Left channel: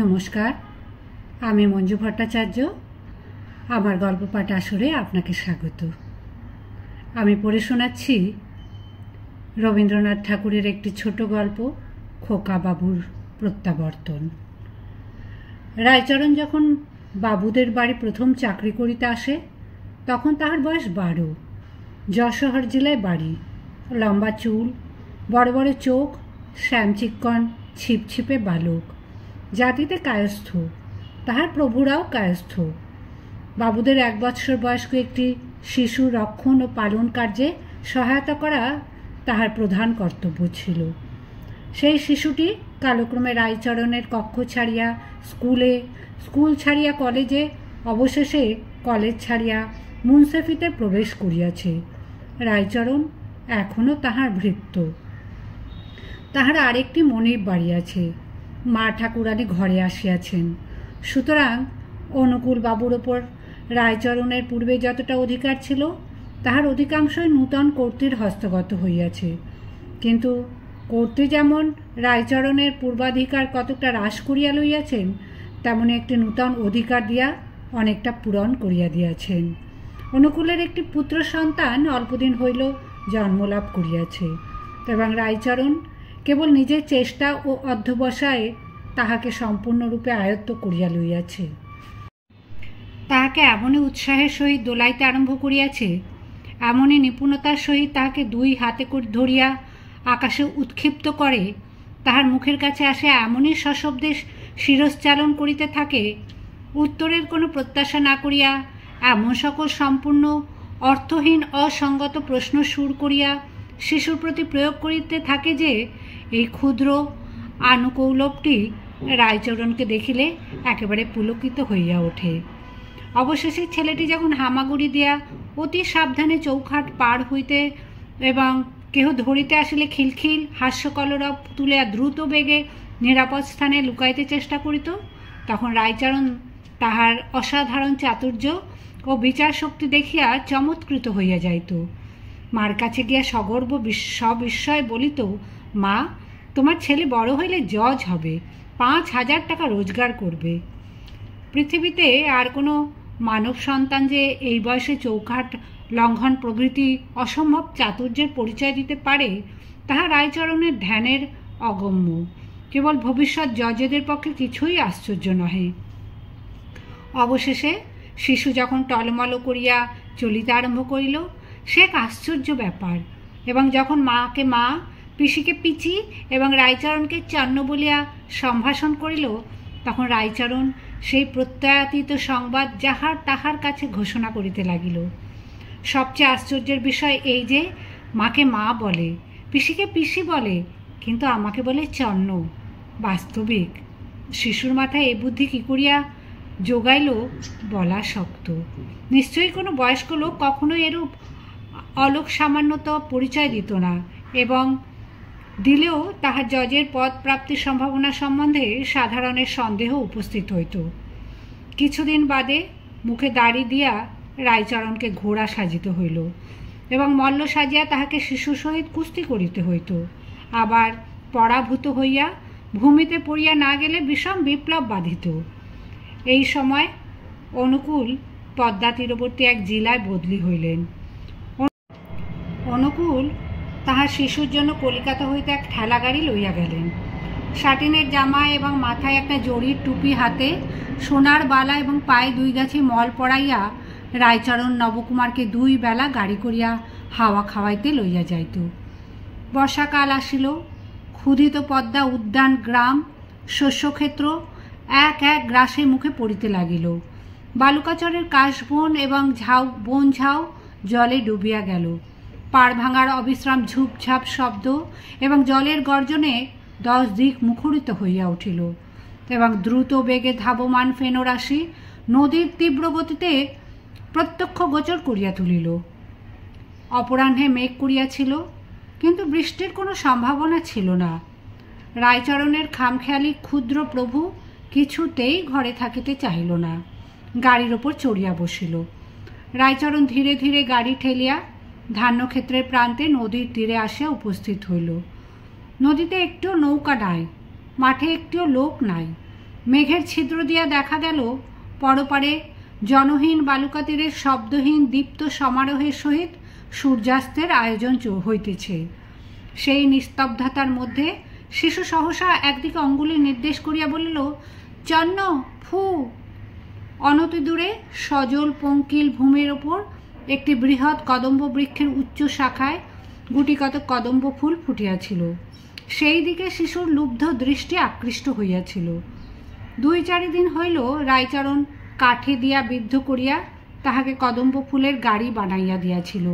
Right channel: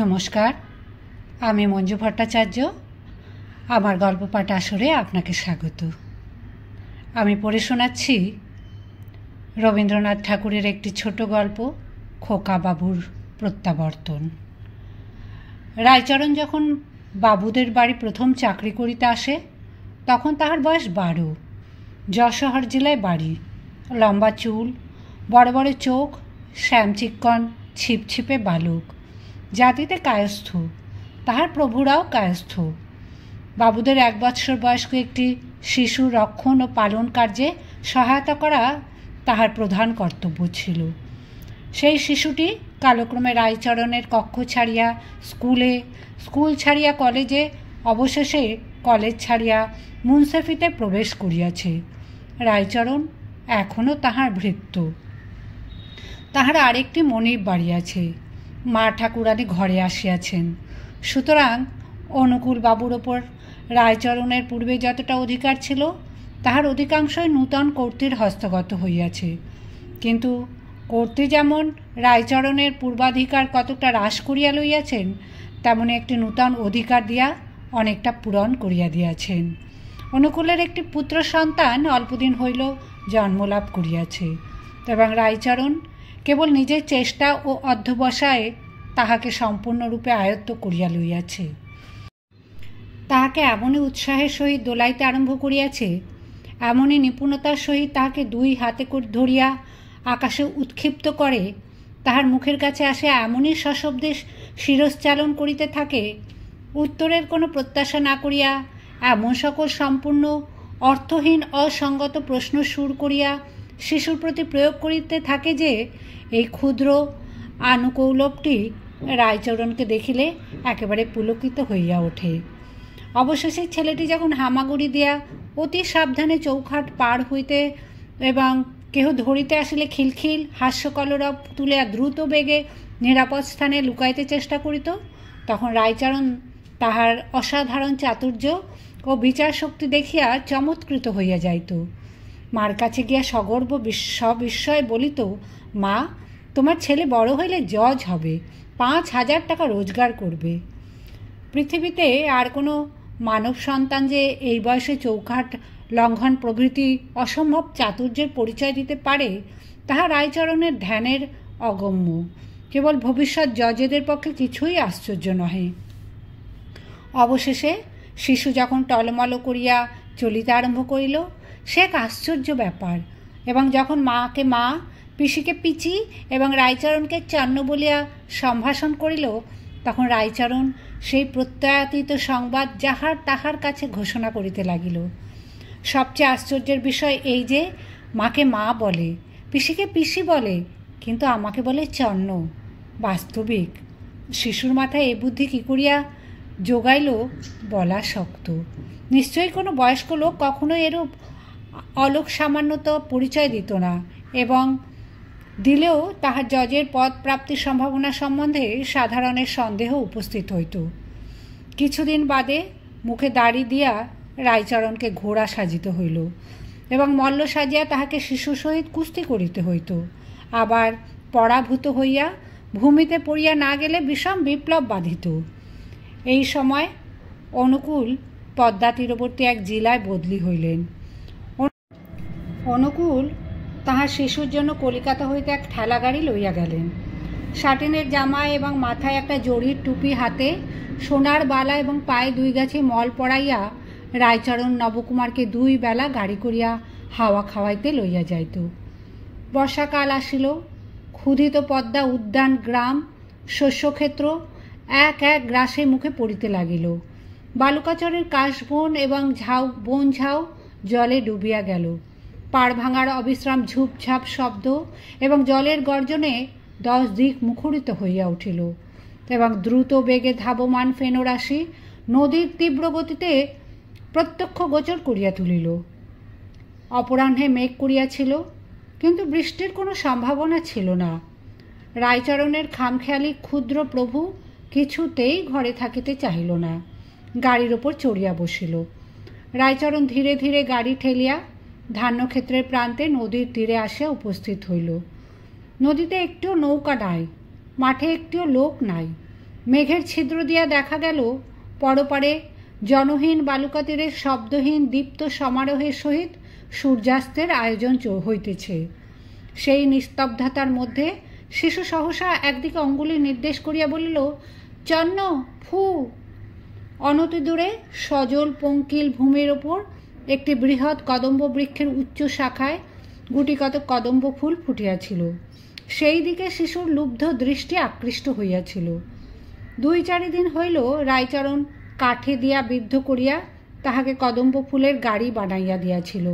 নমস্কার, আমি মঞ্জু ভট্টাচার্য। আমার গল্প পাঠ আসরে আপনাকে স্বাগত। আমি পড়ে শোনাচ্ছি রবীন্দ্রনাথ ঠাকুরের একটি ছোট গল্প, খোকা বাবুর প্রত্যাবর্তন। রায়চরণ যখন বাবুদের বাড়ি প্রথম চাকরি করিতে আসে তখন তাহার বয়স 12। যশোহর জেলায় বাড়ি। লম্বা চুল, বড় বড় চোখ, শ্যামচিক্কন ছিপছিপে বালক, জাতিতে কায়স্থ। তাহার প্রভুরাও কায়স্থ। বাবুদের 1 বৎসর বয়স্ক একটি শিশু রক্ষণ ও পালন কার্যে সহায়তা করা তাহার প্রধান কর্তব্য ছিল। সেই শিশুটি কালক্রমে রায়চরণের কক্ষ ছাড়িয়া স্কুল ছাড়িয়া কলেজে, অবশেষে কলেজ ছাড়িয়া মুন্সেফিতে প্রবেশ করিয়াছে। রায়চরণ এখনও তাহার ভৃত্য। তাহার আরেকটি মনিব বাড়ি আছে। মা ঠাকুরানী ঘরে আসিয়াছেন। সুতরাং অনুকূল বাবুর ওপর রায়চরণের পূর্বে যতটা অধিকার ছিল তাহার অধিকাংশই নূতন কর্ত্রীর হস্তগত হইয়াছে। কিন্তু কর্ত্রী যেমন রায়চরণের পূর্বাধিকার কতকটা হ্রাস করিয়া লইয়াছেন, তেমনি একটি নূতন অধিকার দিয়া অনেকটা পূরণ করিয়া দিয়াছেন। অনুকূলের একটি পুত্র সন্তান অল্পদিন হইল জন্মলাভ করিয়াছে, এবং রায়চরণ কেবল নিজের চেষ্টা ও অধ্যবসায়ে তাহাকে সম্পূর্ণরূপে আয়ত্ত করিয়া লইয়াছে। তাহাকে এমনই উৎসাহের সহিত দোলাইতে আরম্ভ করিয়াছে, এমনই নিপুণতার সহিত তাহাকে 2 হাতে ধরিয়া আকাশে উৎক্ষিপ্ত করে, তাহার মুখের কাছে আসে এমনই সশব্দে শিরশ্চালন করিতে থাকে, উত্তরের কোনো প্রত্যাশা না করিয়া এমন সকল সম্পূর্ণ অর্থহীন অসঙ্গত প্রশ্ন সুর করিয়া শিশুর প্রতি প্রয়োগ করিতে থাকে যে এই ক্ষুদ্র আনুকৌলভটি রায়চরণকে দেখিলে একেবারে পুলকিত হইয়া ওঠে। অবশেষে ছেলেটি যখন হামাগুড়ি দিয়া অতি সাবধানে চৌখাট পার হইতে এবং কেহ ধরিতে আসিলে খিলখিল হাস্যকলরব তুলিয়া দ্রুত বেগে নিরাপদ স্থানে লুকাইতে চেষ্টা করিত, তখন রায়চরণ তাহার অসাধারণ চাতুর্য ও বিচার শক্তি দেখিয়া চমৎকৃত হইয়া যাইত। মার কাছে গিয়া সগর্ব সবিস্ময়ে বলিত, মা, তোমার ছেলে বড় হইলে জজ হবে, 5,000 টাকা রোজগার করবে। পৃথিবীতে আর কোনো মানব সন্তান যে এই বয়সে চৌখাট লঙ্ঘন প্রভৃতি অসম্ভব চাতুর্যের পরিচয় দিতে পারে, তাহা রায়চরণের ধ্যানের অগম্য। কেবল ভবিষ্যৎ জজেদের পক্ষে কিছুই আশ্চর্য নহে। অবশেষে শিশু যখন টলমল করিয়া চলিতে আরম্ভ করিল, সে এক আশ্চর্য ব্যাপার। এবং যখন মাকে মা, পিসিকে পিচি এবং রায়চরণকে চন্ন বলিয়া সম্ভাষণ করিল, তখন রায়চরণ সেই প্রত্যয়াতীত সংবাদ যাহার তাহার কাছে ঘোষণা করিতে লাগিল। সবচেয়ে আশ্চর্যের বিষয় এই যে, মাকে মা বলে, পিসিকে পিসি বলে, কিন্তু আমাকে বলে চন্ন। বাস্তবিক শিশুর মাথায় এ বুদ্ধি কি করিয়া যোগাইল বলা শক্ত। নিশ্চয়ই কোনো বয়স্ক লোক কখনো এরূপ অলোক সামান্যত পরিচয় দিত না, এবং দিলেও তাহার জজের পদ প্রাপ্তির সম্ভাবনা সম্বন্ধে সাধারণের সন্দেহ উপস্থিত হইত। কিছুদিন বাদে মুখে দাড়ি দিয়া রায়চরণকে ঘোড়া সাজিতে হইল, এবং মল্ল সাজিয়া তাহাকে শিশু সহিত কুস্তি করিতে হইত। আবার পরাভূত হইয়া ভূমিতে পড়িয়া না গেলে বিষম বিপ্লব বাধিত। এই সময় অনুকূল পদ্মা তীরবর্তী এক জেলায় বদলি হইলেন। অনুকূল তাহার শিশুর জন্য কলিকাতা হইতে এক ঠেলা গাড়ি লইয়া গেলেন। সাটিনের জামা এবং মাথায় একটা জরির টুপি, হাতে সোনার বালা এবং পায়ে 2 গাছি মল পড়াইয়া রায়চরণ নবকুমারকে 2 বেলা গাড়ি করিয়া হাওয়া খাওয়াইতে লইয়া যাইত। বর্ষাকাল আসিল। ক্ষুধিত পদ্মা উদ্যান, গ্রাম, শস্যক্ষেত্র এক এক গ্রাসে মুখে পড়িতে লাগিল। বালুকাচরের কাশবন এবং বন ঝাউ জলে ডুবিয়া গেল। পাড় ভাঙার অবিশ্রাম ঝুপঝাপ শব্দ এবং জলের গর্জনে 10 দিক মুখরিত হইয়া উঠিল, এবং দ্রুত বেগে ধাবমান ফেনোরাশি নদীর তীব্র গতিতে প্রত্যক্ষ গোচর করিয়া তুলিল। অপরাহ্নে মেঘ করিয়াছিল, কিন্তু বৃষ্টির কোনো সম্ভাবনা ছিল না। রায়চরণের খামখেয়ালি ক্ষুদ্র প্রভু কিছুতেই ঘরে থাকিতে চাহিল না। গাড়ির ওপর চড়িয়া বসিল। রায়চরণ ধীরে ধীরে গাড়ি ঠেলিয়া ধান্যক্ষেত্রের প্রান্তে নদীর তীরে আসিয়া উপস্থিত হইল। নদীতে একটিও নৌকা নাই, মাঠে একটিও লোক নাই। মেঘের ছিদ্র দিয়া দেখা গেল পরপারে জনহীন বালুকা তীরের শব্দহীন দীপ্ত সমারোহের সহিত সূর্যাস্তের আয়োজন হইতেছে। সেই নিস্তব্ধতার মধ্যে শিশু সহসা একদিকে অঙ্গুলি নির্দেশ করিয়া বলিল, চন্ন ফু। অনতিদূরে সজল পঙ্কিল ভূমির ওপর একটি বৃহৎ কদম্ব বৃক্ষের উচ্চ শাখায় গুটিকত কদম্ব ফুল ফুটিয়াছিল। সেই দিকে শিশুর লুব্ধ দৃষ্টি আকৃষ্ট হইয়াছিল। 2-4 দিন হইল রায়চরণ কাঠে দিয়া বিদ্ধ করিয়া তাহাকে কদম্ব ফুলের গাড়ি বানাইয়া দিয়াছিল।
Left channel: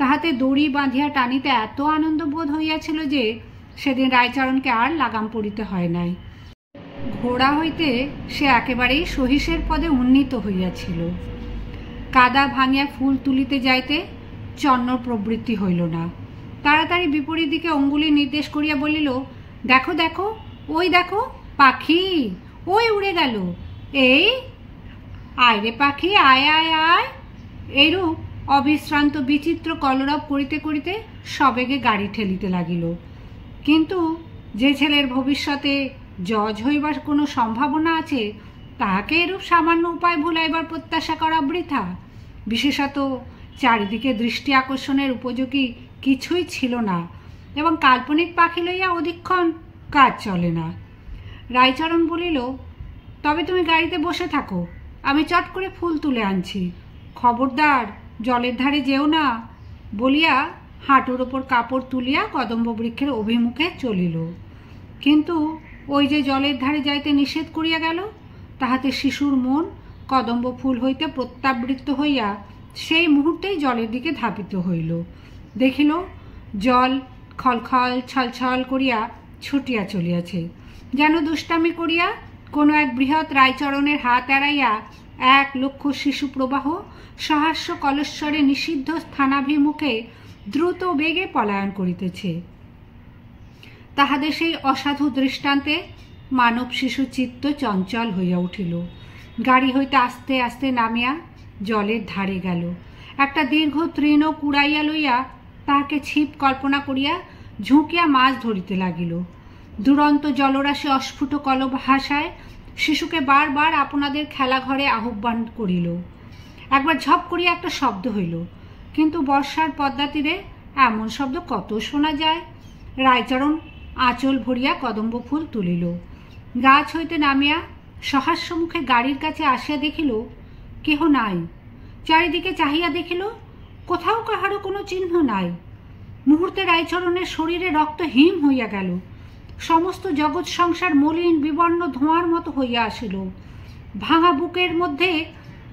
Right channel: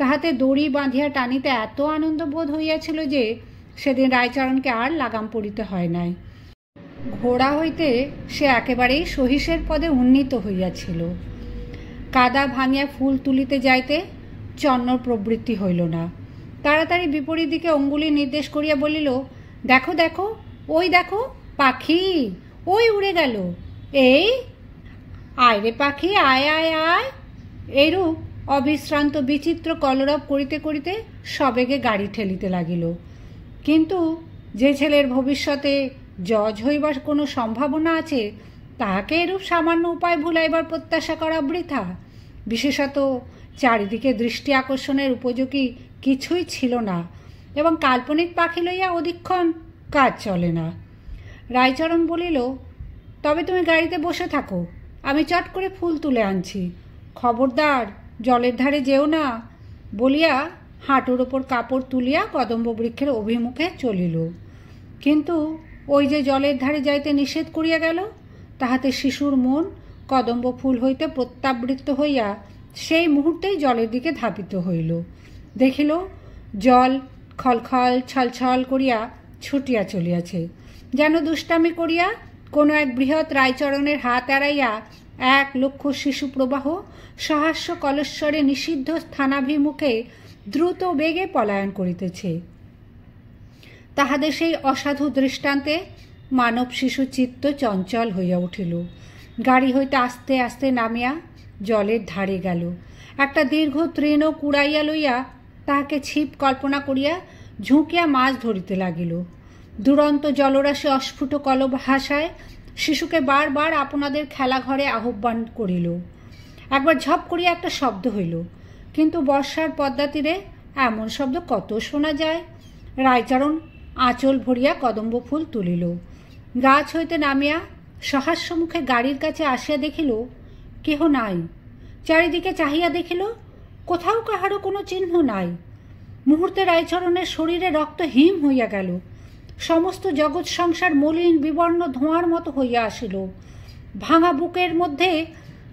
তাহাতে দড়ি বাঁধিয়া টানিতে এত আনন্দ বোধ হইয়াছিল যে সেদিন রায়চরণকে আর লাগাম পড়িতে হয় নাই। ঘোড়া হইতে সে একেবারেই সহিসের পদে উন্নীত হইয়াছিল। কাদা ভাঙিয়া ফুল তুলিতে যাইতে চন্নর প্রবৃত্তি হইল না। তাড়াতাড়ি বিপরীত দিকে অঙ্গুলি নির্দেশ করিয়া বলিল, দেখো দেখো, ওই দেখো পাখি, ওই উড়ে গেল, এই আয় রে পাখি, আয় আয় আয়। এইরূপ অবিশ্রান্ত বিচিত্র কলরব করিতে করিতে সবেগে গাড়ি ঠেলিতে লাগিল। কিন্তু যে ছেলের ভবিষ্যতে জজ হইবার কোনো সম্ভাবনা আছে তাহাকে এরূপ সামান্য উপায় ভুলাইবার প্রত্যাশা করা বৃথা। বিশেষত চারিদিকে দৃষ্টি আকর্ষণের উপযোগী কিছুই ছিল না এবং কাল্পনিক পাখি লইয়া অধিকক্ষণ কাজ চলে না। রায়চরণ বলিল, তবে তুমি গাড়িতে বসে থাকো, আমি চট করে ফুল তুলে আনছি, খবরদার জলের ধারে যেও না বলিয়া হাঁটুর ওপর কাপড় তুলিয়া কদম্ব বৃক্ষের অভিমুখে চলিল। কিন্তু ওই যে জলের ধারে যাইতে নিষেধ করিয়া গেল, তাহাতে শিশুর মন কদম্ব ফুল হইতে প্রত্যাবৃত্ত হইয়া সেই মুহূর্তেই জলের দিকে ধাবিত হইল। দেখিল জল খলখল ছলছল করিয়া ছুটিয়া চলিয়াছে, যেন দুষ্টামি করিয়া কোনো এক বৃহৎ রায়চরণের হাত এড়াইয়া 1,00,000 শিশু প্রবাহ সহাস্য কলস্বরে নিষিদ্ধ স্থানাভিমুখে দ্রুত বেগে পলায়ন করিতেছে। তাহাদের সেই অসাধু দৃষ্টান্তে মানব শিশু চিত্ত চঞ্চল হইয়া উঠিল। গাড়ি হইতে আস্তে আস্তে নামিয়া জলের ধারে গেল। একটা দীর্ঘ তৃণ কুড়াইয়া লইয়া তাহাকে ছিপ কল্পনা করিয়া ঝুঁকিয়া মাছ ধরিতে লাগিল। দুরন্ত জলরাশি অস্ফুট কলভাষায় শিশুকে বারবার আপনাদের খেলাঘরে আহ্বান করিল। একবার ঝপ করিয়া একটা শব্দ হইল, কিন্তু বর্ষার পদ্মা তীরে এমন শব্দ কত শোনা যায়। রায়চরণ আঁচল ভরিয়া কদম্ব ফুল তুলিল। গাছ হইতে নামিয়া সহাস্য মুখে গাড়ির কাছে আসিয়া দেখিল কেহ নাই। চারিদিকে চাহিয়া দেখিল কোথাও কাহারও কোনো চিহ্ন নাই। মুহূর্তে রায়চরণের শরীরে রক্ত হিম হইয়া গেল। সমস্ত জগৎ সংসার মলিন বিবর্ণ ধোঁয়ার মতো হইয়া আসিল। ভাঙা বুকের মধ্যে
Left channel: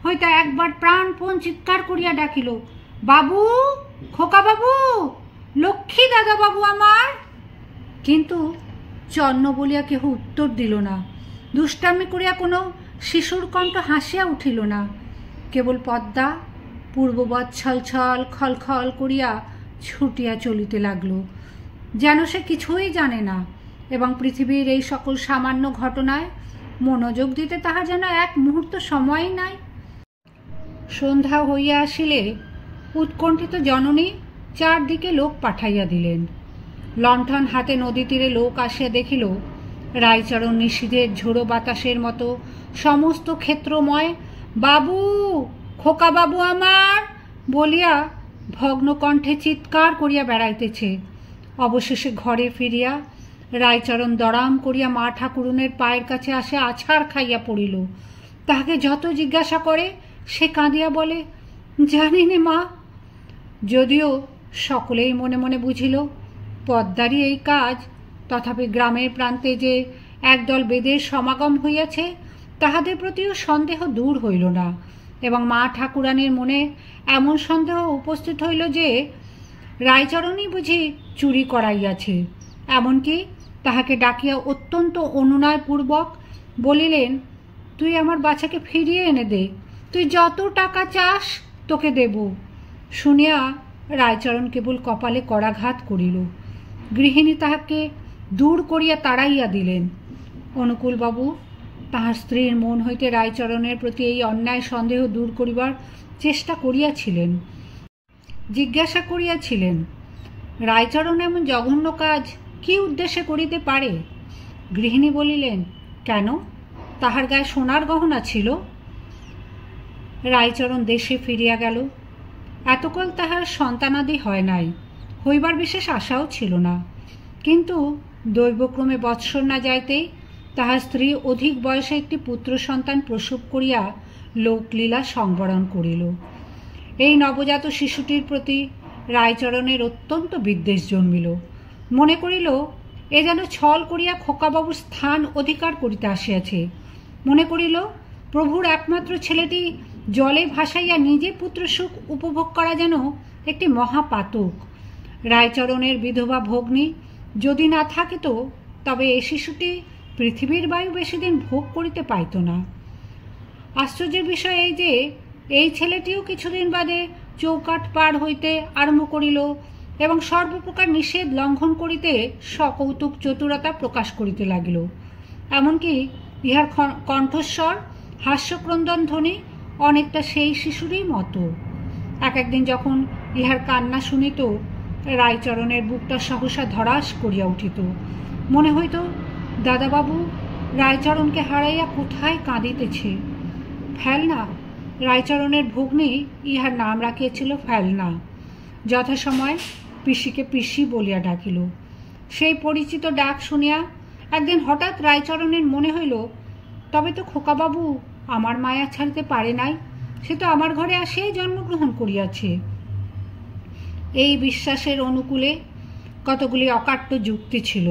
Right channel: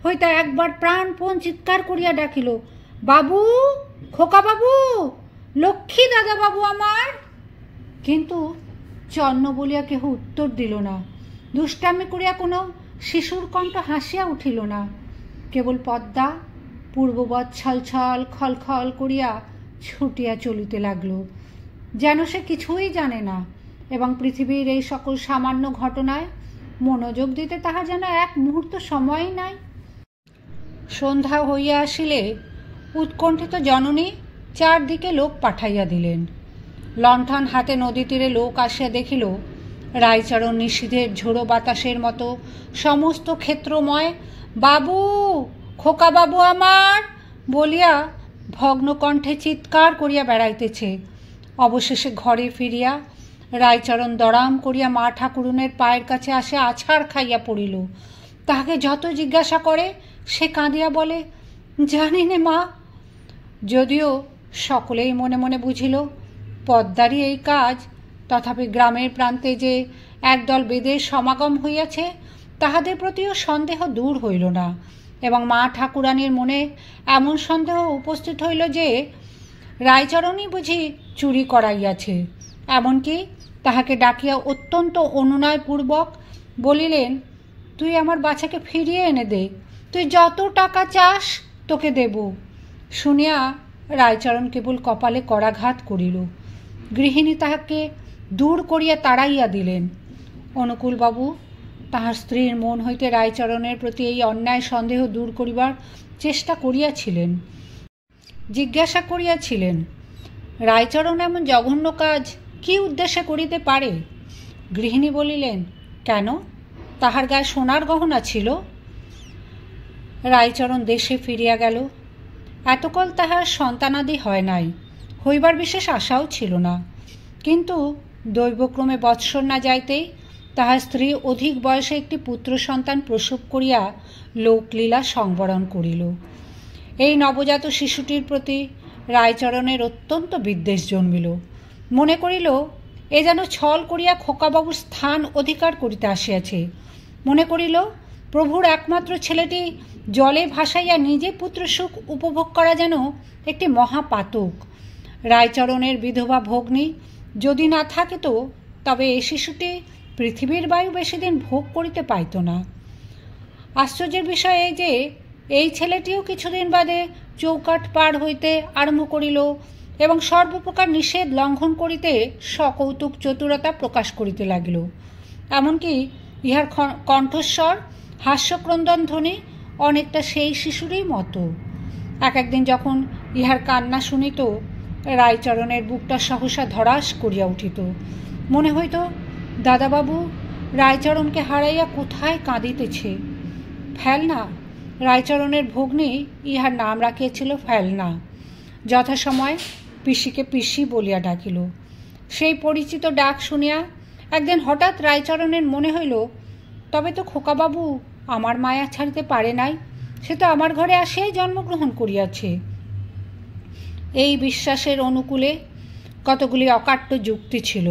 হইতে একবার প্রাণপণ চিৎকার করিয়া ডাকিল, বাবু, খোকা বাবু, লক্ষ্মী দাদা বাবু আমার। কিন্তু চন্ন বলিয়া কেহ উত্তর দিল না। দুষ্টামি করিয়া কোনো শিশুর কণ্ঠ হাসিয়া উঠিল না। কেবল পদ্মা পূর্ববৎ ছলছল খলখল করিয়া ছুটিয়া চলিতে লাগল, যেন সে কিছুই জানে না এবং পৃথিবীর এই সকল সামান্য ঘটনায় মনোযোগ দিতে তাহার যেন এক মুহূর্ত সময়ই নাই। সন্ধ্যা হইয়া আসিলে উৎকণ্ঠিত জননী চারদিকে লোক পাঠাইয়া দিলেন। লণ্ঠন হাতে নদী তীরে লোক আসিয়া দেখিল রায়চরণ নিশীথের ঝোড়ো বাতাসের মতো সমস্ত ক্ষেত্রময় বাবু, খোকা বাবু আমার বলিয়া ভগ্নকণ্ঠে চিৎকার করিয়া বেড়াইতেছে। অবশেষে ঘরে ফিরিয়া রায়চরণ দড়াম করিয়া মা ঠাকুরুনের পায়ের কাছে আসে আছাড় খাইয়া পড়িল। তাহাকে যত জিজ্ঞাসা করে সে কাঁদিয়া বলে, জানি নে মা। যদিও সকলেই মনে মনে বুঝিল পদ্মারই এই কাজ, তথাপি গ্রামের প্রান্তে যে একদল বেদের সমাগম হইয়াছে তাহাদের প্রতিও সন্দেহ দূর হইল না এবং মা ঠাকুরানীর মনে এমন সন্দেহ উপস্থিত হইল যে রায়চরণই বুঝি চুরি করাইয়াছে। এমনকি তাহাকে ডাকিয়া অত্যন্ত অনুনয়পূর্বক বলিলেন, তুই আমার বাচ্চাকে ফিরিয়ে এনে দে, তুই যত টাকা চাস তোকে দেব। শুনিয়া রায়চরণ কেবল কপালে করাঘাত করিল। গৃহিণী তাহাকে দূর করিয়া তাড়াইয়া দিলেন। অনুকূলবাবু তাহার স্ত্রীর মন হইতে রায়চরণের প্রতি এই অন্যায় সন্দেহ দূর করিবার চেষ্টা করিয়াছিলেন, জিজ্ঞাসা করিয়াছিলেন, রায়চরণ এমন জঘন্য কাজ কি উদ্দেশ্যে করিতে পারে? গৃহিণী বলিলেন, কেন, তাহার গায়ে সোনার গহনা ছিল। রায়চরণ দেশে ফিরিয়া গেল। এতকাল তাহার সন্তানাদি হয় নাই, হইবার বিশেষ আশাও ছিল না। কিন্তু দৈবক্রমে বৎসর না যাইতেই তাহার স্ত্রী অধিক বয়সে একটি পুত্র সন্তান প্রসব করিয়া লোকলীলা সংবরণ করিল। এই নবজাত শিশুটির প্রতি রায়চরণের অত্যন্ত বিদ্বেষ জন্মিল। মনে করিল এ যেন ছল করিয়া খোকাবাবুর স্থান অধিকার করিতে আসিয়াছে। মনে করিল প্রভুর একমাত্র ছেলেটি জলে ভাসাইয়া নিজে পুত্রসুখ উপভোগ করা যেন একটি মহাপাতক। রায়চরণের বিধবা ভগ্নী যদি না থাকিত তবে এই শিশুটি পৃথিবীর বায়ু বেশি দিন ভোগ করিতে পাইত না। আশ্চর্যের বিষয় এই যে এই ছেলেটিও কিছুদিন বাদে চৌকাঠ পার হইতে আরম্ভ করিল এবং সর্বপ্রকার নিষেধ লঙ্ঘন করিতে সকৌতুক চতুরতা প্রকাশ করিতে লাগিল। এমনকি ইহার কণ্ঠস্বর হাস্যক্রন্দন ধ্বনি অনেকটা সেই শিশুরই মতো। একদিন যখন ইহার কান্না শুনিত, রায়চরণের বুকটা সহসা ধরাস করিয়া উঠিত। মনে হইত দাদাবাবু রায়চরণকে হারাইয়া কোথায় কাঁদিতেছে। ফেলনা, রায়চরণের ভগ্নী ইহার নাম রাখিয়াছিল ফেলনা। যথাসময়ে পিসিকে পিসি বলিয়া ডাকিল। সেই পরিচিত ডাক শুনিয়া একদিন হঠাৎ রায়চরণের মনে হইল, তবে তো খোকাবাবু আমার মায়া ছাড়িতে পারে নাই, সে তো আমার ঘরে আসিয়াই জন্মগ্রহণ করিয়াছে। এই বিশ্বাসের অনুকূলে কতগুলি অকাট্য যুক্তি ছিল।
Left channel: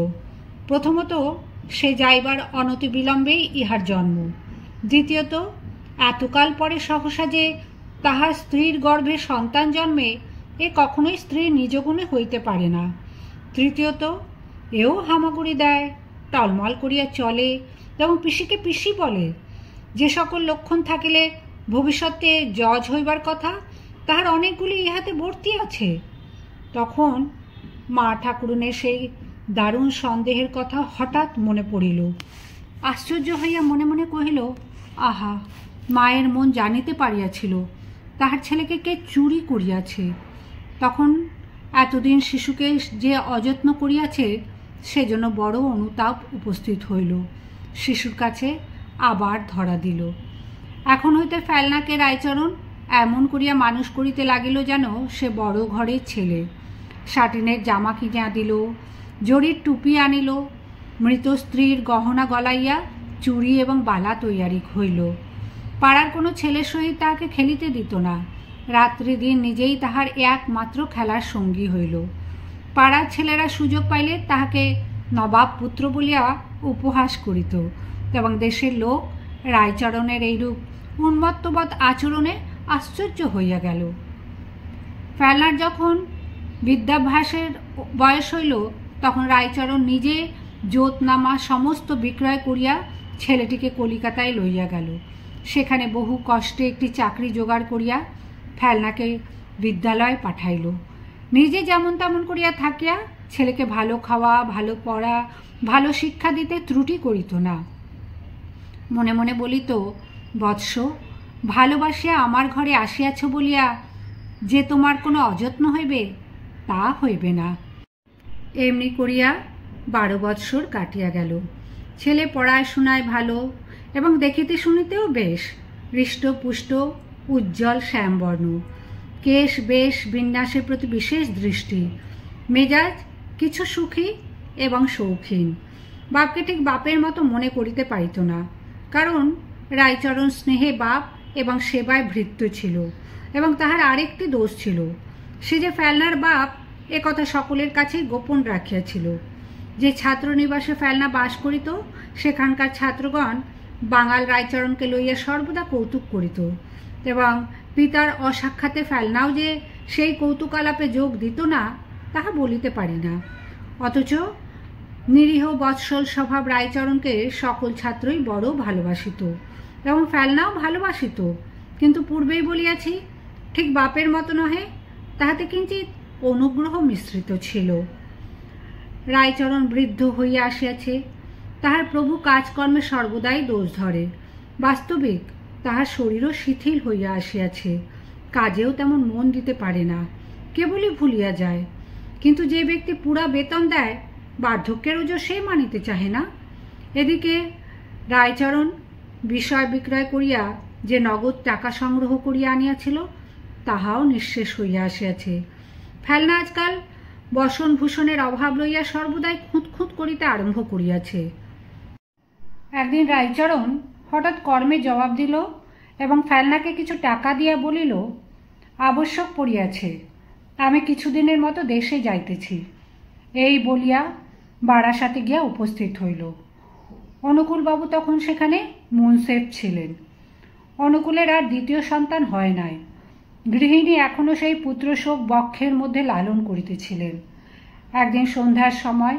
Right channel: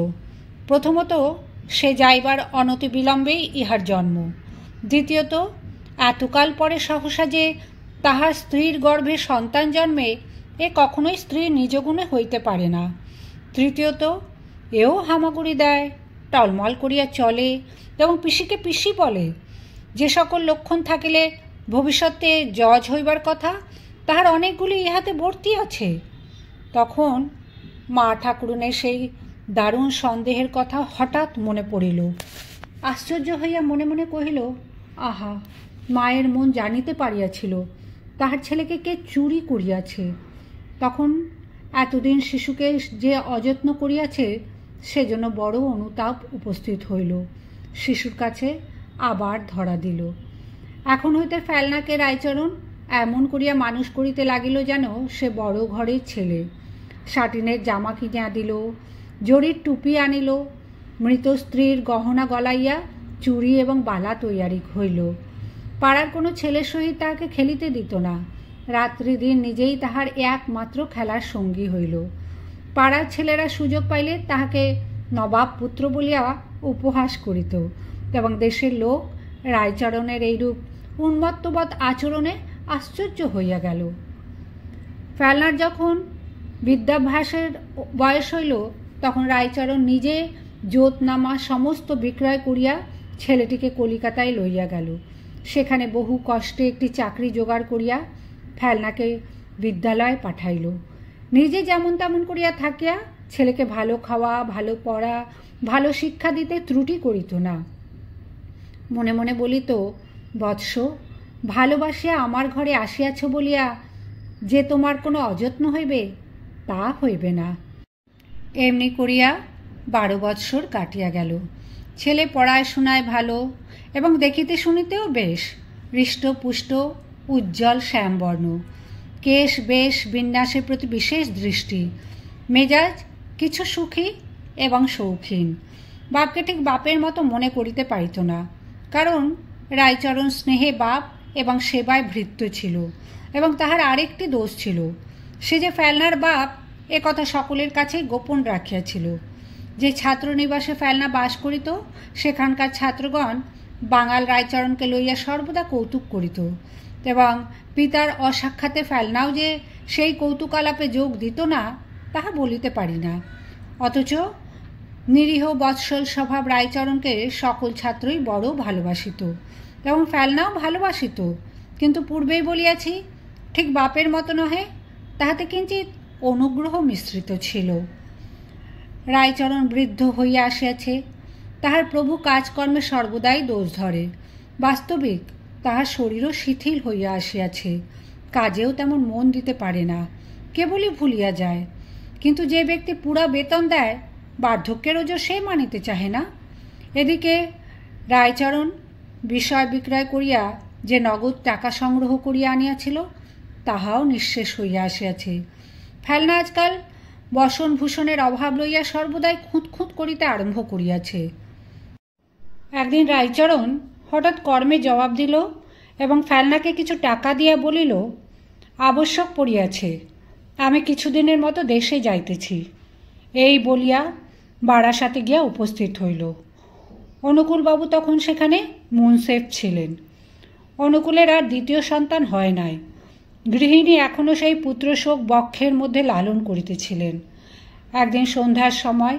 প্রথমত, সে যাইবার অনতিবিলম্বেই ইহার জন্ম। দ্বিতীয়ত, এতকাল পরে সহসা যে তাহার স্ত্রীর গর্ভে সন্তান জন্মে, এ কখনোই স্ত্রীর নিজ গুণে হইতে পারে না। তৃতীয়ত, এও হামাগুড়ি দেয়, টলমল করিয়া চলে এবং পিসিকে পিসি বলে। যে সকল লক্ষণ থাকিলে ভবিষ্যতে জজ হইবার কথা, তাহার অনেকগুলি ইহাতে ভর্তি আছে। তখন মা ঠাকুরুনের সেই দারুণ সন্দেহের কথা হঠাৎ মনে পড়িল। আশ্চর্য হইয়া মনে মনে কহিল, আহা, মায়ের মন জানিতে পারিয়াছিল তাহার ছেলেকে কে চুরি করিয়াছে। তখন এতদিন শিশুকে যে অযত্ন করিয়াছে সেজন্য বড় অনুতাপ উপস্থিত হইল। শিশুর কাছে আবার ধরা দিল। এখন হইতে ফেলনাকে রায়চরণ এমন করিয়া মানুষ করিতে লাগিল যেন সে বড় ঘরের ছেলে। সাটিনের জামা কিনিয়া দিল, জরির টুপি আনিল, মৃত স্ত্রীর গহনা গলাইয়া চুড়ি এবং বালা তৈয়ারি হইল। পাড়ার কোনো ছেলের সহিত তাহাকে খেলিতে দিত না। রাত্রি দিন নিজেই তাহার একমাত্র খেলার সঙ্গী হইল। পাড়ার ছেলেরা সুযোগ পাইলে তাহাকে নবাব পুত্র বলিয়া উপহাস করিত এবং দেশের লোক রায়চরণের এইরূপ উন্মত্তবৎ আচরণে আশ্চর্য হইয়া গেল। ফেলনার যখন বিদ্যাভ্যাসের বয়স হইল, তখন রায়চরণ নিজে জোতনামা সমস্ত বিক্রয় করিয়া ছেলেটিকে কলিকাতায় লইয়া গেল। সেখানে বহু কষ্টে একটি চাকরি জোগাড় করিয়া ফেলনাকে বিদ্যালয়ে পাঠাইল। নিজে যেমন তেমন করিয়া থাকিয়া ছেলেকে ভালো খাওয়া, ভালো পড়া, ভালো শিক্ষা দিতে ত্রুটি করিত না। মনে মনে বলিত, বৎস, ভালোবাসিয়া আমার ঘরে আসিয়াছ বলিয়া যে তোমার কোনো অযত্ন হইবে তা হইবে না। এমনি করিয়া 12 বৎসর কাটিয়া গেল। ছেলে পড়াশোনায় ভালো এবং দেখিতে শুনিতেও বেশ, হৃষ্টপুষ্ট, উজ্জ্বল শ্যামবর্ণ, কেশ বেশ বিন্যাসের প্রতি বিশেষ দৃষ্টি, মেজাজ কিছু সুখী এবং শৌখিন। বাপকে ঠিক বাপের মতো মনে করিতে পারিত না, কারণ রায়চরণ স্নেহে বাপ এবং সেবায় ভৃত্য ছিল। এবং তাহার আরেকটি দোষ ছিল, সে যে ফেলনার বাপ এ কথা সকলের কাছে গোপন রাখিয়াছিল। যে ছাত্রনিবাসে ফেলনা বাস করিত, সেখানকার ছাত্রগণ বাঙাল রায়চরণকে লইয়া সর্বদা কৌতুক করিত এবং পিতার অসাক্ষাতে ফেলনাও যে সেই কৌতুক আলাপে যোগ দিত না তাহা বলিতে পারি না। অথচ নিরীহ বৎসল স্বভাব রায়চরণকে সকল ছাত্রই বড় ভালোবাসিত এবং ফেলনাও ভালোবাসিত। কিন্তু পূর্বেই বলিয়াছি, ঠিক বাপের মতো নহে, তাহাতে কিঞ্চিৎ অনুগ্রহ মিশ্রিত ছিল। রায়চরণ বৃদ্ধ হইয়া আসিয়াছে, তাহার প্রভু কাজকর্মে সর্বদাই দোষ ধরে। বাস্তবিক তাহার শরীরও শিথিল হইয়া আসিয়াছে, কাজেও তেমন মন দিতে পারে না, কেবলই ভুলিয়া যায়। কিন্তু যে ব্যক্তি পুরা বেতন দেয়, বার্ধক্যের ওজো সে মানিতে চাহে না। এদিকে রায়চরণ বিষয় বিক্রয় করিয়া যে নগদ টাকা সংগ্রহ করিয়া আনিয়াছিল তাহাও নিঃশেষ হইয়া আসিয়াছে। ফেলনা আজকাল বসনভূষণের অভাব লইয়া সর্বদাই খুঁতখুঁত করিতে আরম্ভ করিয়াছে। একদিন রায়চরণ হঠাৎ কর্মে জবাব দিল এবং ফেলনাকে কিছু টাকা দিয়া বলিল, আবশ্যক পড়িয়াছে, আমি কিছুদিনের মতো দেশে যাইতেছি। এই বলিয়া বারাসাতে গিয়া উপস্থিত হইল। অনুকূলবাবু তখন সেখানে মুনসেফ ছিলেন। অনুকূলের আর দ্বিতীয় সন্তান হয় নাই। গৃহিণী এখনও সেই পুত্রশোক বক্ষের মধ্যে লালন করিতেছিলেন। একদিন সন্ধ্যার সময়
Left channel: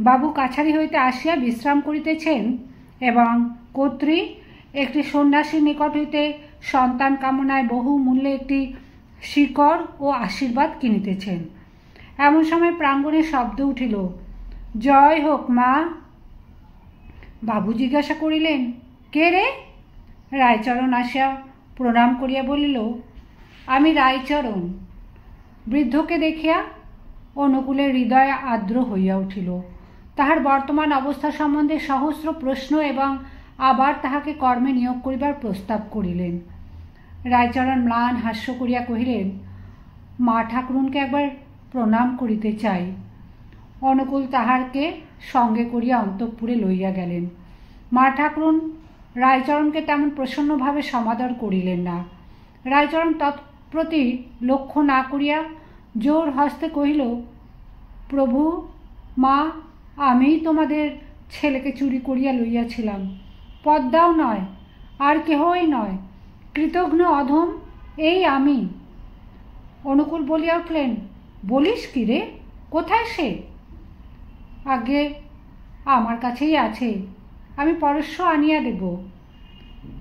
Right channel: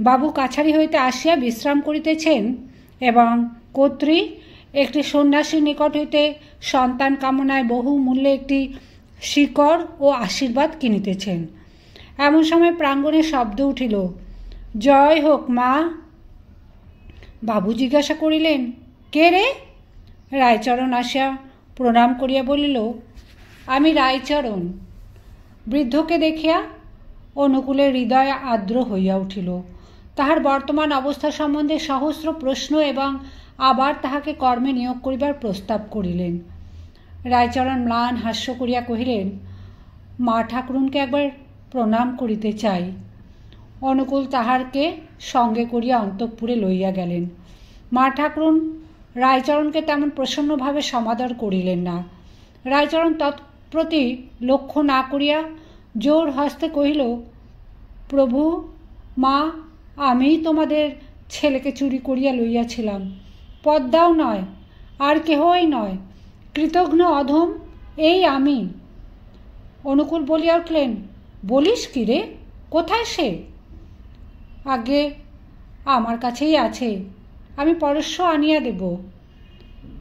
বাবু কাছারি হইতে আসিয়া বিশ্রাম করিতেছেন এবং কর্ত্রী একটি সন্ন্যাসীর নিকট হইতে সন্তান কামনায় বহু মূল্যে একটি শিকড় ও আশীর্বাদ কিনিতেছেন। এমন সময় প্রাঙ্গণে শব্দ উঠিল, জয় হোক মা। বাবু জিজ্ঞাসা করিলেন, কে রে? রায়চরণ আসিয়া প্রণাম করিয়া বলিল, আমি রায়চরণ। বৃদ্ধকে দেখিয়া অনুকূলের হৃদয় আর্দ্র হইয়া উঠিল। তাহার বর্তমান অবস্থা সম্বন্ধে সহস্র প্রশ্ন এবং আবার তাহাকে কর্মে নিয়োগ করিবার প্রস্তাব করিলেন। রায়চরণ ম্লান হাস্য করিয়া কহিলেন, মা ঠাকুরুনকে একবার প্রণাম করিতে চাই। অনুকূল তাহারকে সঙ্গে করিয়া অন্তঃপুরে লইয়া গেলেন। মা ঠাকুরুন রায়চরণকে তেমন প্রসন্নভাবে সমাদর করিলেন না। রায়চরণ তৎপ্রতি লক্ষ্য না করিয়া জোর হস্তে কহিল, প্রভু, মা, আমিই তোমাদের ছেলেকে চুরি করিয়া লইয়াছিলাম। পদ্মাও নয়, আর কেহই নয়, কৃতঘ্ন অধম এই আমি। অনুকূল বলিয়া উঠলেন, বলিস কি রে? কোথায় সে? আগে আমার কাছেই আছে, আমি পরশ্ব আনিয়া দেব।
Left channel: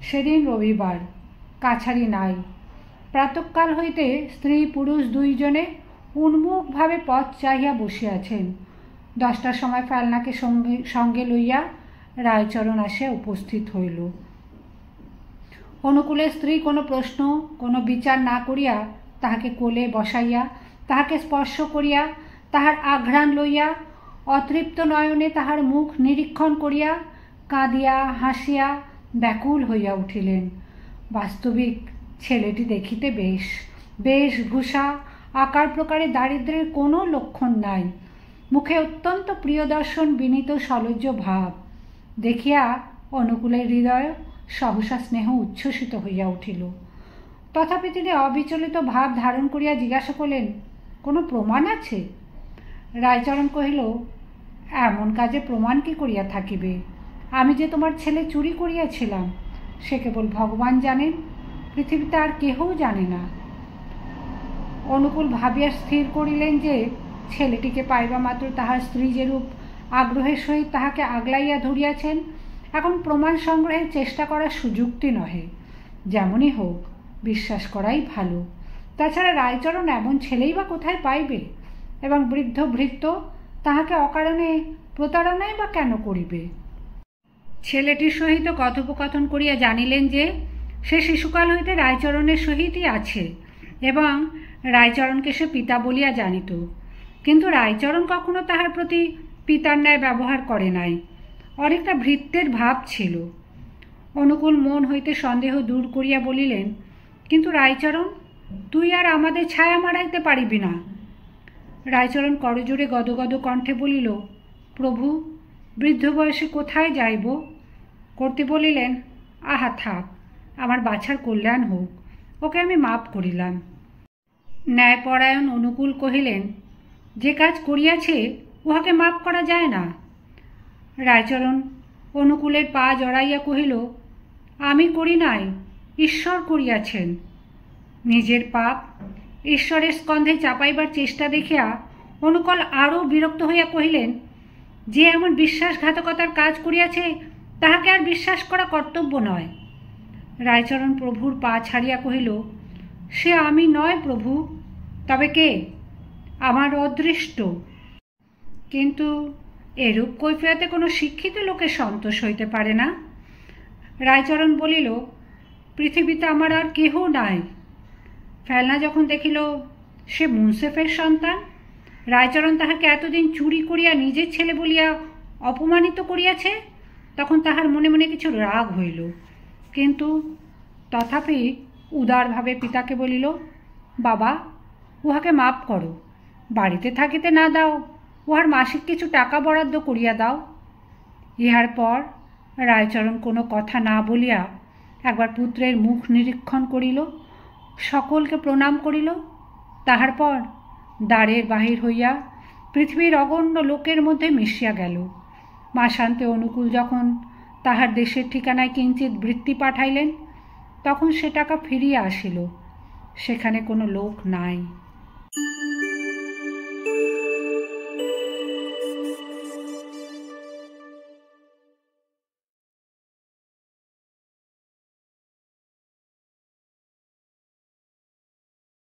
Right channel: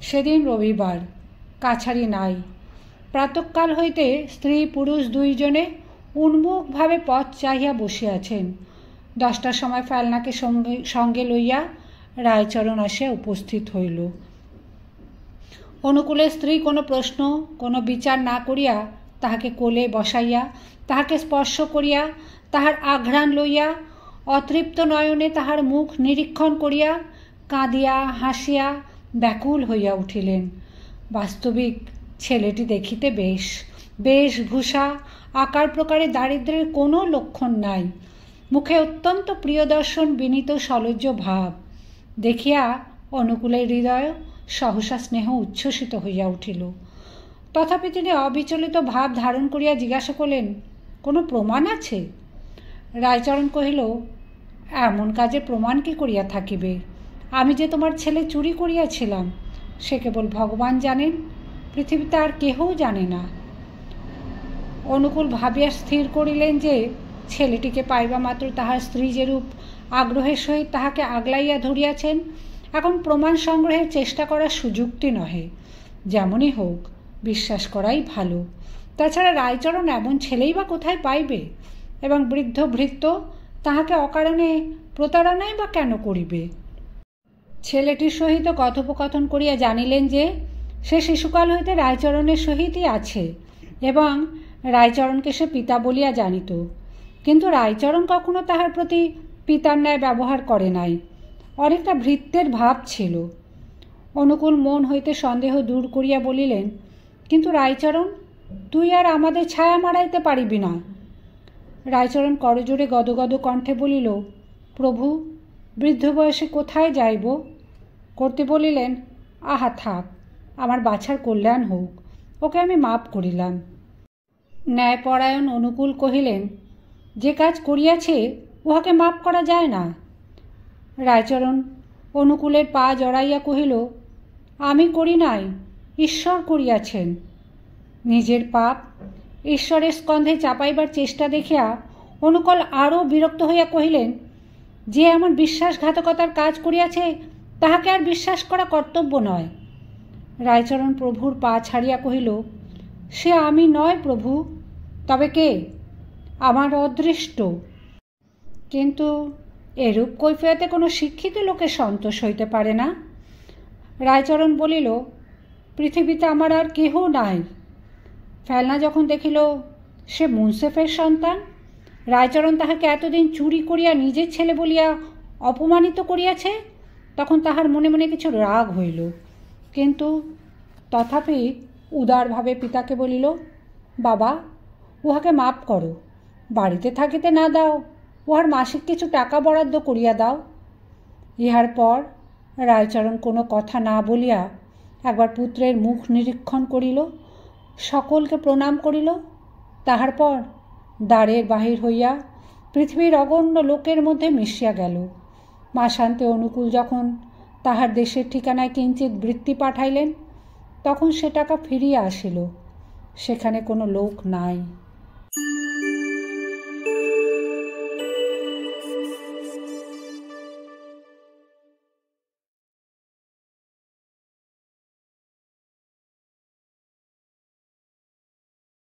সেদিন রবিবার, কাছারি নাই। প্রাতঃকাল হইতে স্ত্রী পুরুষ দুইজনে উন্মুখভাবে পথ চাহিয়া বসিয়াছেন। 10টার সময় ফেলনাকে সঙ্গে লইয়া রায়চরণ আসিয়া উপস্থিত হইল। অনুকূলের স্ত্রী কোনো প্রশ্ন, কোনো বিচার না করিয়া তাহাকে কোলে বসাইয়া, তাহাকে স্পর্শ করিয়া, তাহার আঘ্রাণ লইয়া, অতৃপ্ত নয়নে তাহার মুখ নিরীক্ষণ করিয়া কাঁদিয়া হাসিয়া ব্যাকুল হইয়া উঠিলেন। বাস্তবিক ছেলেটি দেখিতে বেশ, বেশভূষা, আকার প্রকারে দারিদ্র্যের কোনো লক্ষণ নাই। মুখে অত্যন্ত প্রিয়দর্শন বিনীত সলজ্জ ভাব দেখিয়া অনুকূলের হৃদয় সহসা স্নেহ উচ্ছ্বসিত হইয়া উঠিল। তথাপি তিনি অবিচলিত ভাব ধারণ করিয়া জিজ্ঞাসা করলেন, কোনো প্রমাণ আছে? রায়চরণ কহিল, এমন কাজে প্রমাণ কি করিয়া থাকিবে? আমি যে তোমার ছেলে চুরি করিয়াছিলাম সে কেবল ভগবান জানেন, পৃথিবীতে আর কেহও জানে না। অনুকূল ভাবিয়া স্থির করিলেন যে ছেলেটিকে পাইবা মাত্র তাহার স্ত্রী যেরূপ আগ্রহের সহিত তাহাকে আগলাইয়া ধরিয়াছেন, এখন প্রমাণ সংগ্রহের চেষ্টা করার সুযুক্তি নহে। যেমনই হোক, বিশ্বাস করাই ভালো। তাছাড়া রায়চরণ এমন ছেলেই বা কোথায় পাইবে? এবং বৃদ্ধ ভৃত্য তাহাকে অকারণে প্রতারণাই বা কেন করিবে? ছেলেটির সহিত কথোপকথন করিয়া জানিলেন যে সে শিশুকাল হইতে রায়চরণের সহিতই আছে এবং রায়চরণকে সে পিতা বলিয়া জানিত। কিন্তু রায়চরণ কখনো তাহার প্রতি পিতার ন্যায় ব্যবহার করে নাই, অনেকটা ভৃত্যের ভাব ছিল। অনুকূল মন হইতে সন্দেহ দূর করিয়া বলিলেন, কিন্তু রায়চরণ, তুই আর আমাদের ছায়া মারাইতে পারিবি না। রায়চরণ করজোড়ে গদগদ কণ্ঠে বলিল, প্রভু, বৃদ্ধ বয়সে কোথায় যাইব? করতে বলিলেন, আহা থাক, আমার বাছার কল্যাণ হোক, ওকে আমি মাপ করিলাম। ন্যায়পরায়ণ অনুকূল কহিলেন, যে কাজ করিয়াছে উহাকে মাপ করা যায় না। রায়চরণ অনুকূলের পা জড়াইয়া কহিল, আমি করি নাই, ঈশ্বর করিয়াছেন। নিজের পাপ ঈশ্বরের স্কন্ধে চাপাইবার চেষ্টা দেখিয়া অনুকূল আরও বিরক্ত হইয়া কহিলেন, যে এমন বিশ্বাসঘাতকতার কাজ করিয়াছে তাহাকে আর বিশ্বাস করা কর্তব্য নয়। রায়চরণ প্রভুর পা ছাড়িয়া কহিল, সে আমি নয় প্রভু, তবে কে? আমার অদৃষ্ট। কিন্তু এরূপ কৈফিয়তে কোনো শিক্ষিত লোকের সন্তোষ হইতে পারে না। রায়চরণ বলিল, পৃথিবীতে আমার আর কেহ নাই। ফেলনা যখন দেখিল সে মুনসেফের সন্তান, রায়চরণ তাহাকে এতদিন চুরি করিয়া নিজের ছেলে বলিয়া অপমানিত করিয়াছে, তখন তাহার মনে মনে কিছু রাগ হইল, কিন্তু তথাপি উদারভাবে পিতাকে বলিল, বাবা, উহাকে মাপ করো, বাড়িতে থাকিতে না দাও, উহার মাসিক কিছু টাকা বরাদ্দ করিয়া দাও। ইহার পর রায়চরণ কোনো কথা না বলিয়া একবার পুত্রের মুখ নিরীক্ষণ করিল, সকলকে প্রণাম করিল। তাহার পর দ্বারের বাহির হইয়া পৃথিবীর অগণ্য লোকের মধ্যে মিশিয়া গেল। মাসান্তে অনুকূল যখন তাহার দেশের ঠিকানায় কিঞ্চিৎ বৃত্তি পাঠাইলেন, তখন সে টাকা ফিরিয়া আসিল। সেখানে কোনো লোক নাই।